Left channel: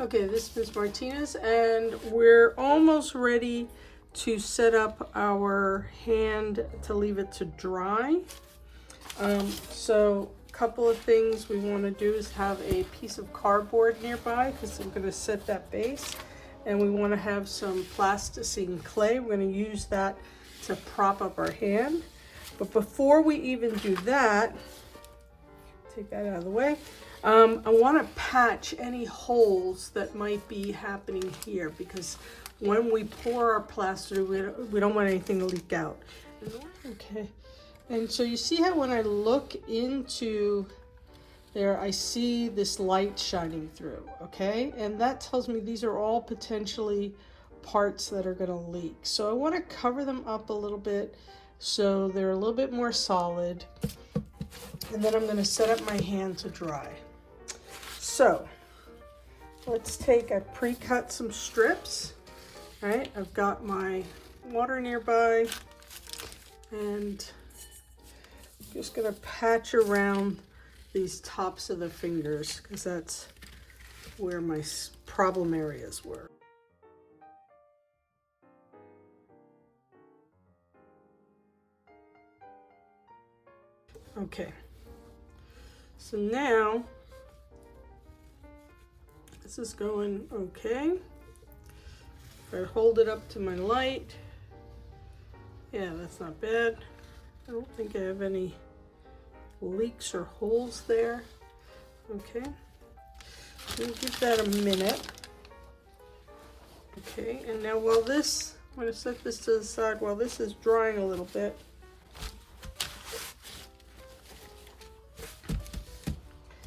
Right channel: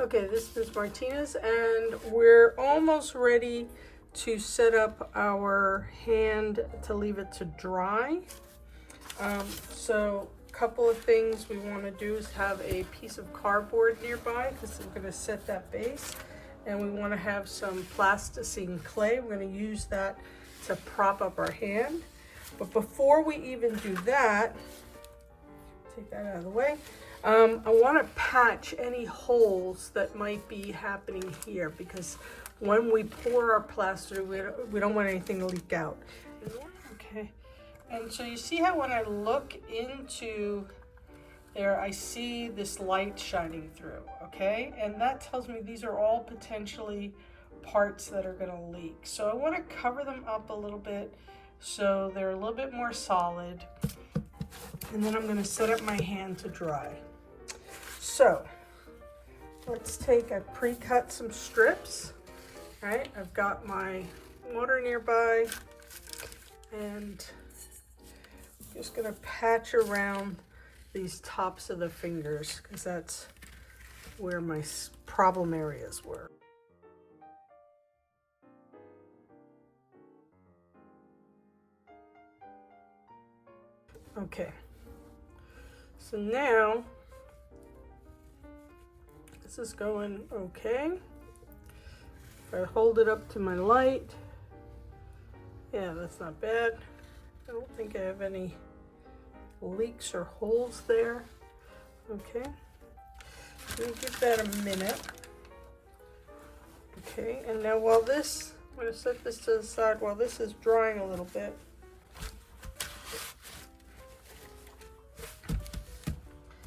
Okay, this is Martinez, and we're almost ready to set up our hand to leave it to dry. So a couple of things we want to do is have a piece of cardboard nearby because we're going to set that base, and we want to have some plasticine clay. We're going to use that to prop up our hand. But before we even do that, take that out of the way. I want to patch any holes that might be happening here, because when we pour our plaster, we don't want anything to leak out. Okay, and so you see how when I look into there, I see this light shining through, okay? And that tells me these are all potentially parts that are going to leak. So I want to cover them up a little bit so they're a little bit more solid. And then I'm going to set up my hand to dry. So let's take, I pre-cut some strips, right? I've got my water nearby, and I'm just going to patch around these tops of the fingers because that's where my problem areas were. Okay, so now this is going okay. If I hold it up to my light, yeah, that's not bad. I don't think I have any leaks or holes there. Okay, we'll give that a minute. Okay, and now while this, I'm going to set this to the side while this is drying a little bit.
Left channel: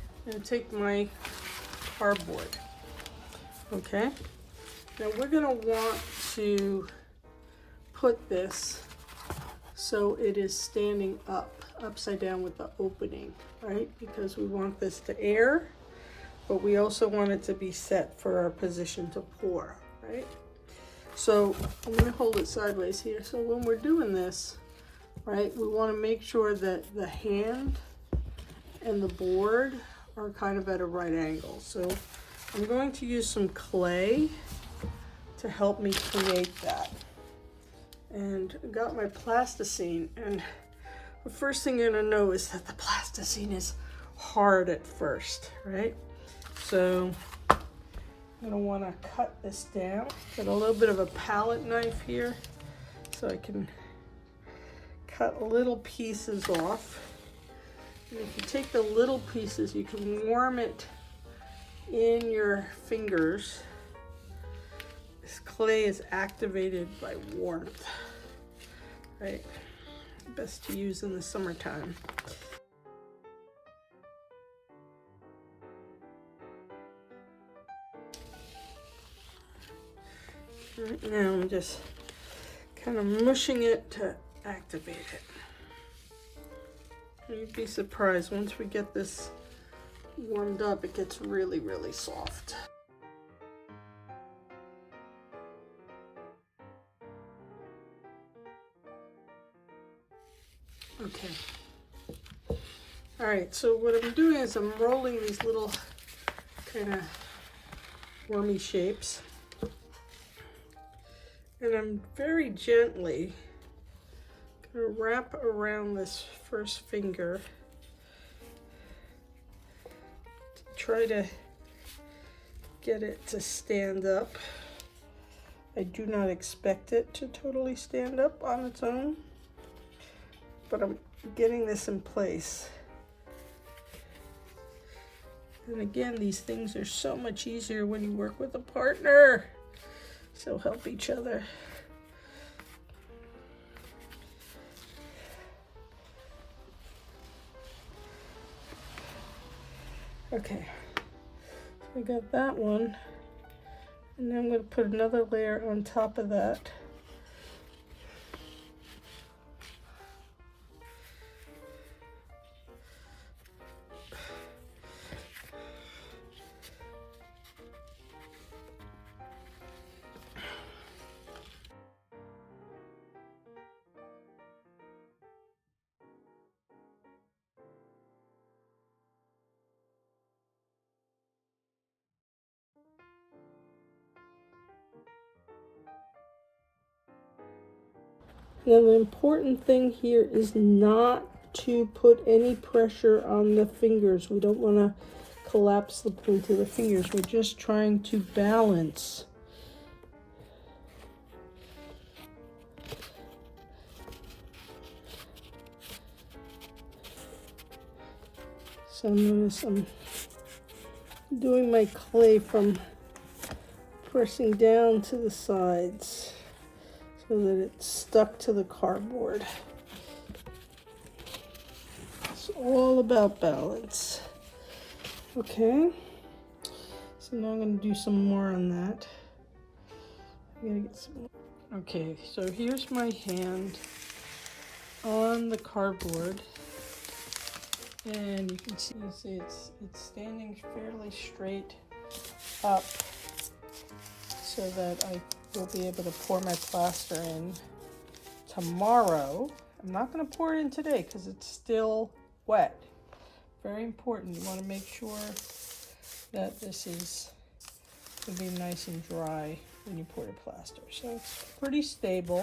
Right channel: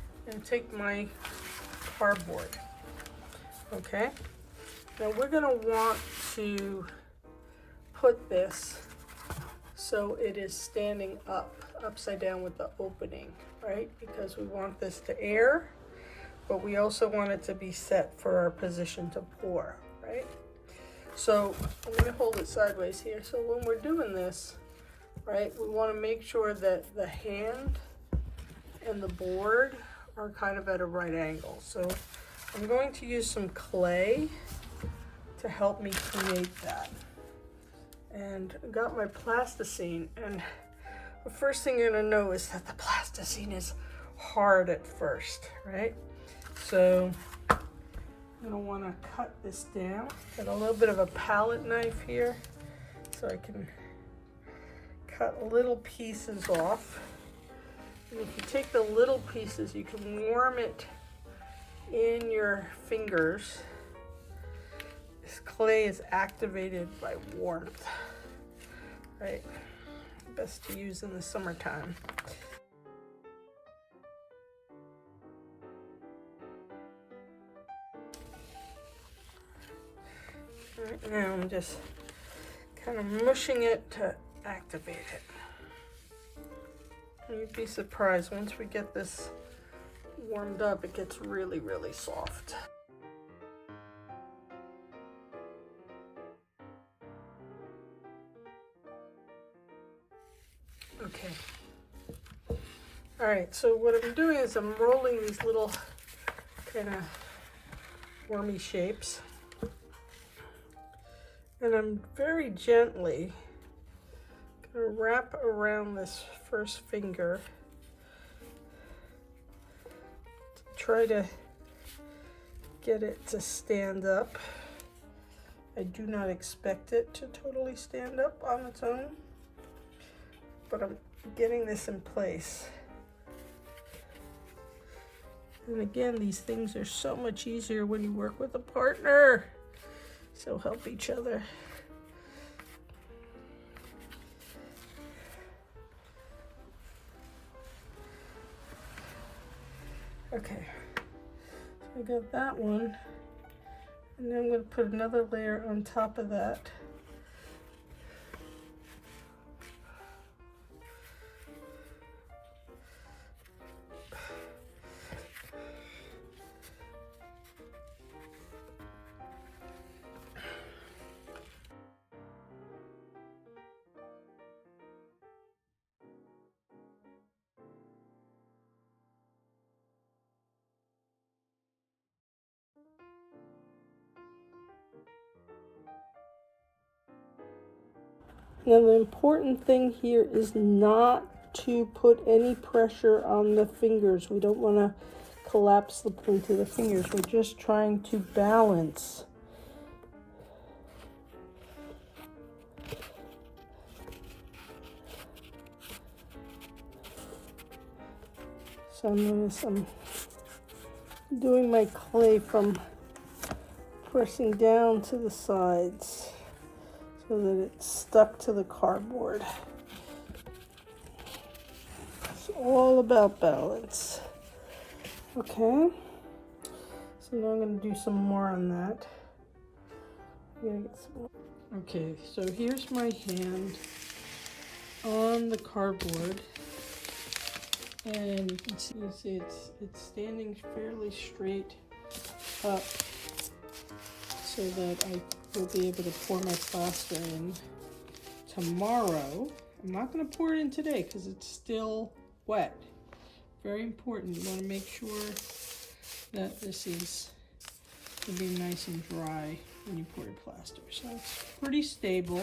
I'm going to take my cardboard. Okay, now we're going to want to put this so it is standing up, upside down with the opening, right? Because we want this to air, but we also want it to be set for our position to pour, right? So I'm going to hold it sideways here. So when we're doing this, right, we want to make sure that the hand and the board are kind of at a right angle. So I'm going to use some clay to help me create that. And I got my plasticine, and the first thing you're gonna know is that the plasticine is hard at first, right? So I'm gonna wanna cut this down. Get a little bit of a palette knife here so I can cut little pieces off. And if you take the little pieces, you can warm it in your fingers. This clay is activated by warmth, right? Best to use in the summertime. Right now I'm just kind of mushing it to activate it. You'd be surprised, once we get this warmed up, it gets really, really soft. Okay. All right, so what I'm doing is I'm rolling these little kind of wormy shapes, and I'm very gently gonna wrap around this first finger to try to get it to stand up. I do not expect it to totally stand up on its own, but I'm getting this in place. And again, these things are so much easier when you work with a partner. So help each other. Okay, so I got that one, and then I'm going to put another layer on top of that. Now the important thing here is not to put any pressure on the fingers. We don't want to collapse the point of the fingers. We're just trying to balance. So notice I'm doing my clay from pressing down to the sides so that it's stuck to the cardboard. It's all about balance. Okay, so now I'm going to do some more on that. I'm gonna get some more. Okay, so here's my hand on the cardboard, and you can see it's standing fairly straight up so that I will be able to pour my plaster in tomorrow. I'm not going to pour it in today because it's still wet. Very important. You want to make sure that this is going to be nice and dry when you pour your plaster. So it's pretty stable.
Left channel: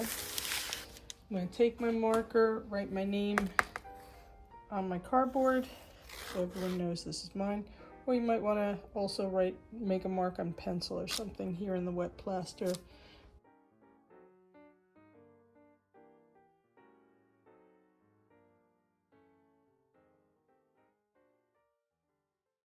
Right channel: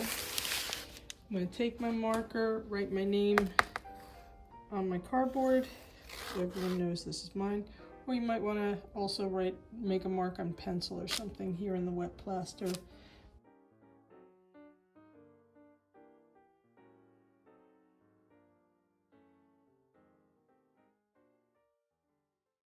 I'm going to take my marker, write my name on my cardboard so everyone knows this is mine. Or you might want to also make a mark on pencil or something here in the wet plaster